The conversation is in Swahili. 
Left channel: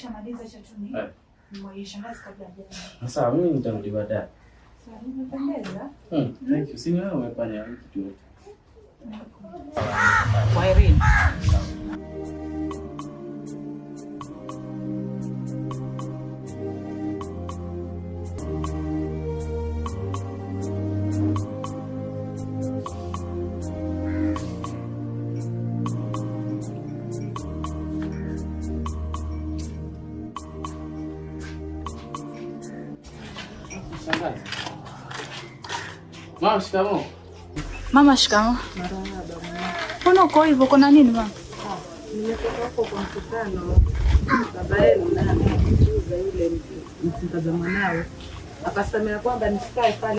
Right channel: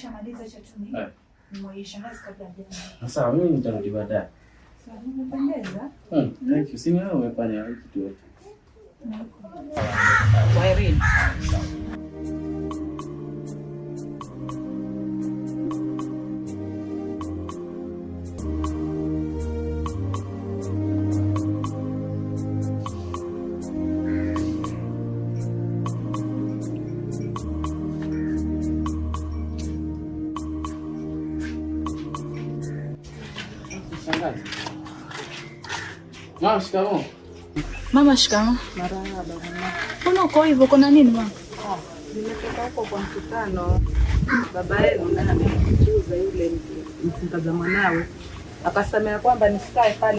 nikishamaliza chatuni. Mmoja shangazi kabla hajaenda. Sasa mimi nitarudi baadaye. Sawa, nimependeza. Thank you. Sina wewe umefanya kitu yote. Kwa Irene. Mama, shikamoo. Mama, shikamoo. Marahaba. Mbona uko hivyo? Kuna nini mama? Nimetoka hapo kwa mkutano. Baba yenu na amekuuza yule mtazamo mwanawe. Akasema kwamba nisikae pale.